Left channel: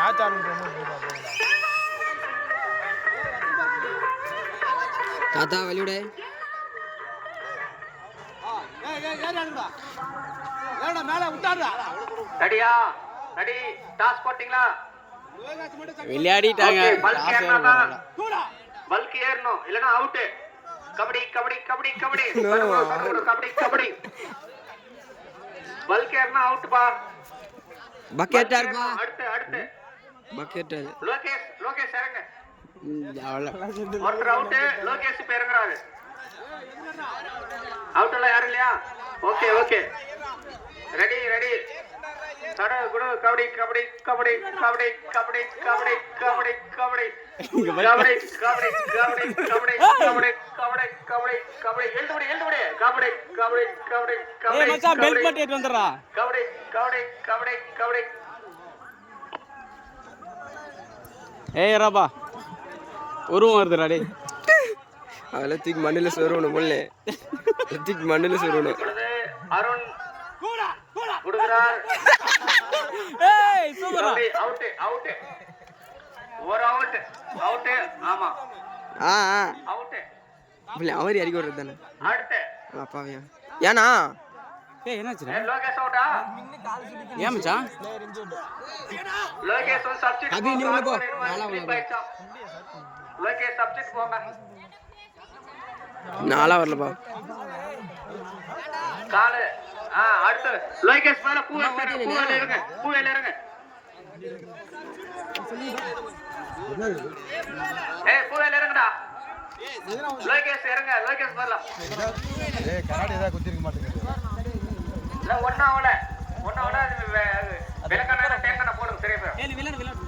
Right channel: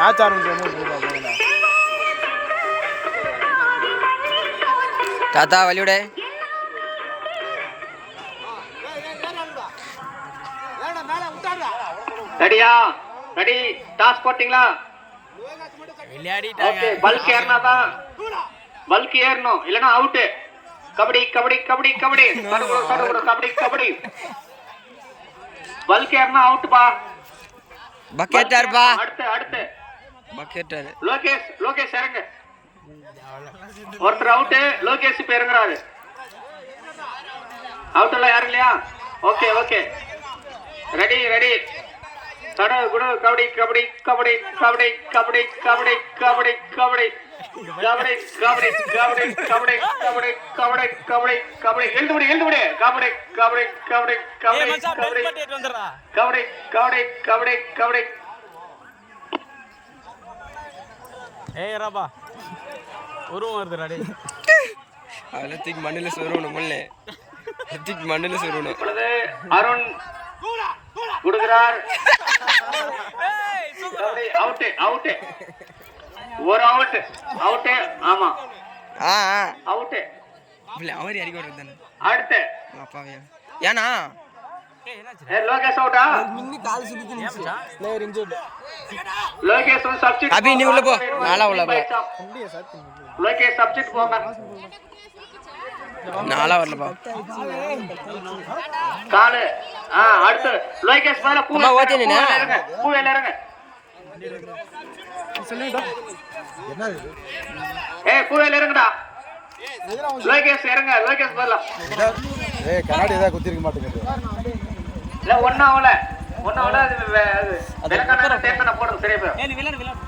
Match ஆரம்பிச்சு தாத்தா வழிவிட ரெடியா? ரெடி? டாஸ் போட்டீங்களா? விளையாடிட்டாங்க. பல்க் ஏறணும், பல்க் ஏறணும், இல்லைன்னா அவுட்டு. கபடி கபடி கபடி கபடி கபடி கபடி. பல்க் ஏறணும், அவுட்டுப்பா. பக்கெட்டாருப்பா. அடுத்து அடுத்து பக்கெட்டாரு. லோகேஷ், லோகேஷ் இறங்க. ஒருத்தர் அவுட்டு, லோகேஷ் இப்ப இறங்குறாரு. அவுட் எல்லாம் யாரும் இல்லையா? Okay okay, ready ready. தட குடு கபடி கபடி கபடி கபடி கபடி கபடி கபடி கபடி கபடி கபடி கபடி கபடி கபடி கபடி கபடி கபடி எழுதுபடி எழுதுபடி கபடி கபடி கபடி கபடி கபடி கபடி கபடி கபடி கபடி. ஏய் ராபா உருவம் வருதுடா டேய். அதெல்லாம் தூக்கி மண்ணில் சொருவணும் முல்லே, தூக்கி மண்ணில் சொருவணும். அருண் குடுக்கிறார். அவுட் அவுட், ஒரு அவுட் அவுட். ஆமா அவுட். அவரி அடிக்க விடுறது தானே. அடுத்து அப்பாவையா ஏனா லோகேஷ் அவுட்டா? லோகேஷ் சப்ஸ்டிட். அபி நீ உள்ள போ, நாளா உள்ள போ. லோகேஷ் சப்ஸ்டிட் போங்க. நாளா வரலப்பா. காலு அடுத்து லோகேஷ் மேல பூ இறங்க, பூ இறங்க. ஏய் பூ இறங்குடா. லோகேஷ் இறங்க, லோகேஷ் மேல. ஏய் கண்ணாடி ஏதா குத்திருக்க மாட்டேங்குது. இல்ல ஒண்ணாவல அது விலக்கான தேக்கன போடுங்க சரியா போய். ஏய் விளையாடு விளையாடு.